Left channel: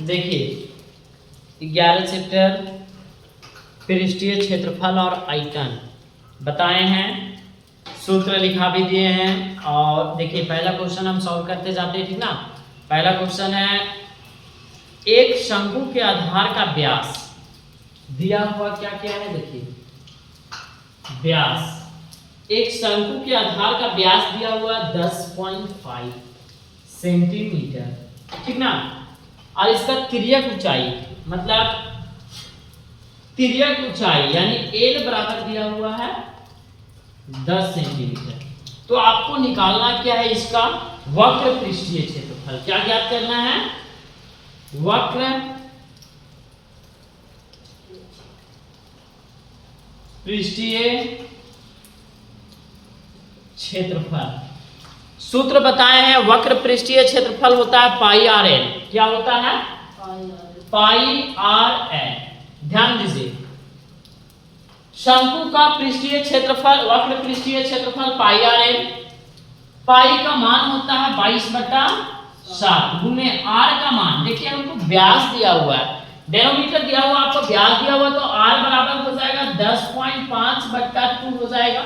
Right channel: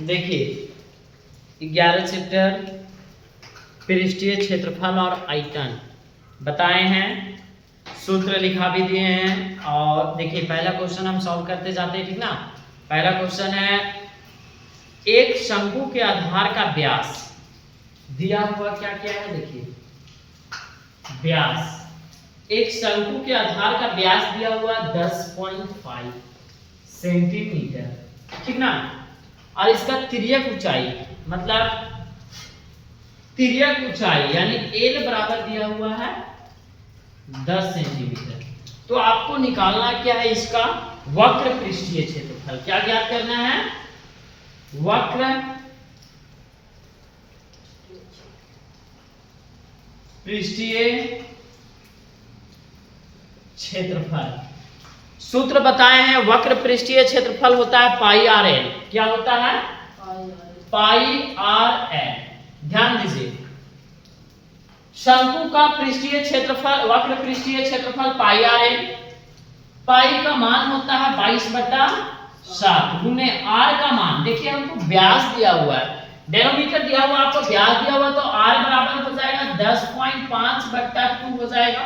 देखिए 11 चैप्टर पृष्ठीय क्षेत्रफल और आयतन बताए हैं, सूत्र लिखा भी दिए हैं। और देखिए पहला क्वेश्चन हम सॉल्व करते जाते हैं, ठीक ना। पहला क्वेश्चन है, एक शंकु के आधार का व्यास दिया हुआ क्या क्या है। देखिए व्यास, एक शंकु के आधार का व्यास दिया हुआ 10.5 सेंटीमीटर, ठीक ना। और इसका तिर्यक ऊंचाई मतलब तिर्यक ऊंचाई यानी एल बराबर दिया हुआ है 10 सेंटीमीटर। तो आपको निकालना क्या है, इसका वक्र पृष्ठीय क्षेत्रफल। क्या ज्ञात करना है, वक्र पृष्ठीय क्षेत्रफल। सूत्र बताए हैं, वक्र पृष्ठीय क्षेत्रफल होता है पाई आर एल। क्या होता है, पाई आर एल। ध्यान दीजिए, शंकु का पृष्ठीय क्षेत्रफल, वक्र पृष्ठीय क्षेत्रफल पाई आर एल। पाई का मान होता है 22/7 गुने आर का मान, देखिए हमको व्यास दिया हुआ है, डेनोमीटर दिया हुआ, आपको व्यास दिया हुआ, तो आर बराबर हो जाएगा 10.5/2 हो जाएगा।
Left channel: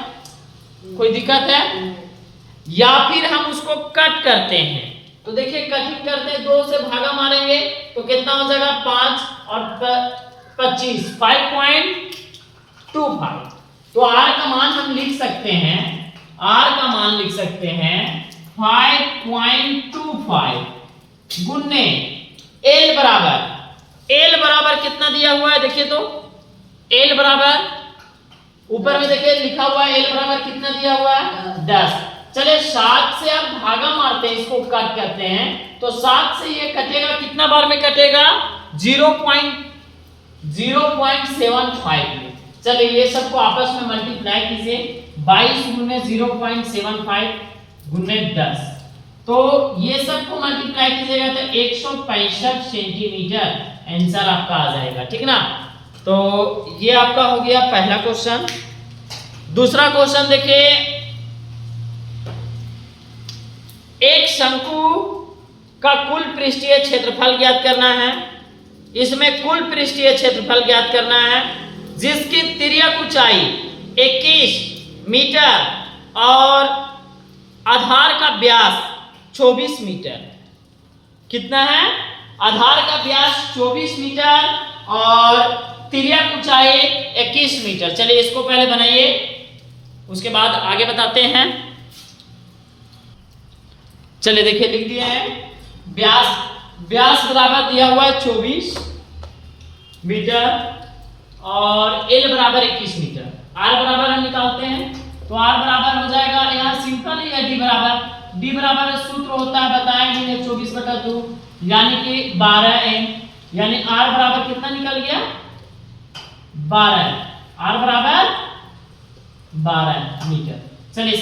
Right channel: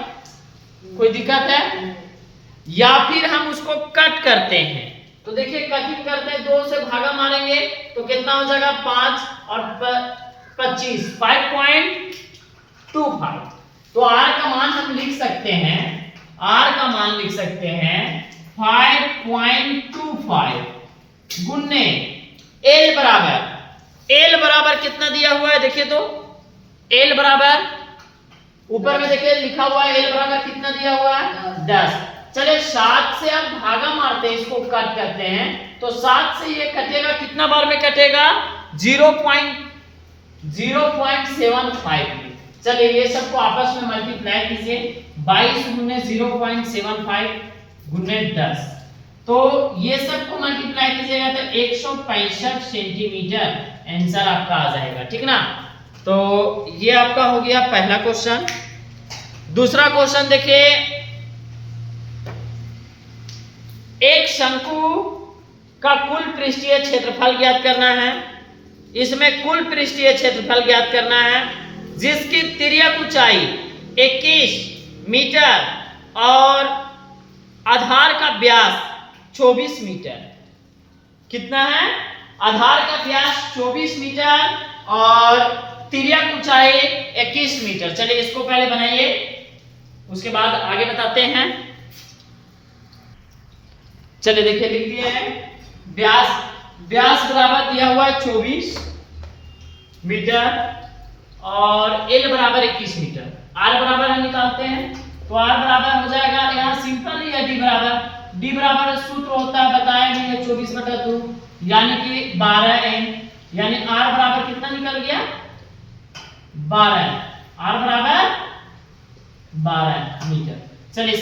कोई दिक्कत है? या फिर हम उसको कट करते हैं, तो देखिए कटिंग करते हैं, 2 से भागा मारेंगे तो कितना हो जाएगा 5 और 25 5.25। तो आर का मान हम लिख सकते हैं, आर का मान लिख सकते हैं 5.25 गुने एल बराबर कितना दिया हुआ है, देखिए तो एल बराबर ऊपर में देखिए लिखा हुआ है, एल बराबर कितना दिया हुआ है 10। चले 7 से आप भागा मारते हैं, इसको कट करते हैं, तो 7 से ये कटेगा, कितना बार में कटेगा 0.75 में। चलिए ये सबको आपस में मल्टीप्लाई कीजिए, 22 गुने 0.75 गुने 10, तो ये सबको मल्टीप्लाई कीजिएगा तो 165 सेंटीमीटर आंसर आपका आ जाएगा, ठीक ना। तो ये आपका हो गया पहला क्वेश्चन। दूसरा क्वेश्चन देखिए, एक शंकु का कुल पृष्ठीय क्षेत्रफल ज्ञात करना है। इसमें कुल पृष्ठीय क्षेत्रफल ज्ञात करना है जिसकी तिर्यक ऊंचाई 21 मीटर और आधार का व्यास 24 मीटर। कितना है, आधार का व्यास 24 मीटर और तिर्यक ऊंचाई 21 मीटर। चलिए इसको पहले बनाइए, उसके बाद आगे बताते हैं। चलिए देखिए लिख दिया है, व्यास बराबर दिया हुआ है 24 मीटर और एल बराबर 21 मीटर। आर बराबर हम निकालते हैं, तो आर बराबर हो जाएगा, यहाँ सिंपल ही है, डी बराबर सूत्र होता है बताया मैंने 24/2 यानी कि 12n, यानी आर बराबर कितना निकल गया 12, आर बराबर 12 मीटर। चलिए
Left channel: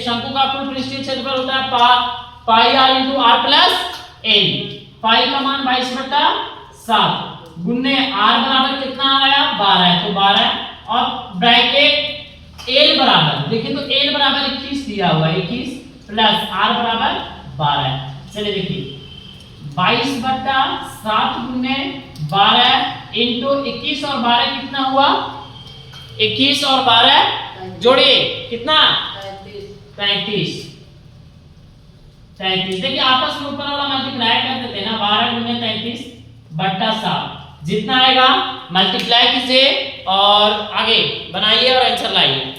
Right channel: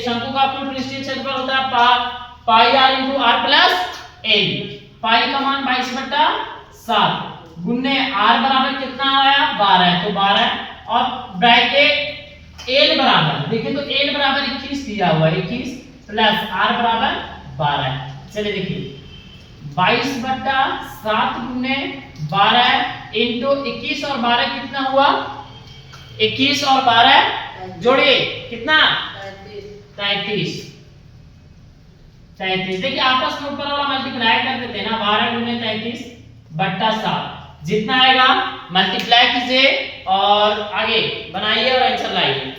शंकु का कुल पृष्ठीय क्षेत्रफल होता है pi R into R plus L. Pi का मान 22/7 गुने आर बराबर कितना आया 12, तो 12 और ब्रैकेट एल बराबर, देखिए तो एल बराबर 21 दिया हुआ है, 21 प्लस आर बराबर 12। चलिए देखिए 22/7 गुने 12 इंटू 21 और 12 कितना हुआ, 21 और 12 जोड़िए कितना 33। देखिए आपस में ऊपर वाला मल्टीप्लाई कर देते हैं ना, 12 गुने 33/7 जितना आएगा मल्टीप्लाई कीजिए और आगे बनाइए और आंसर लाइए।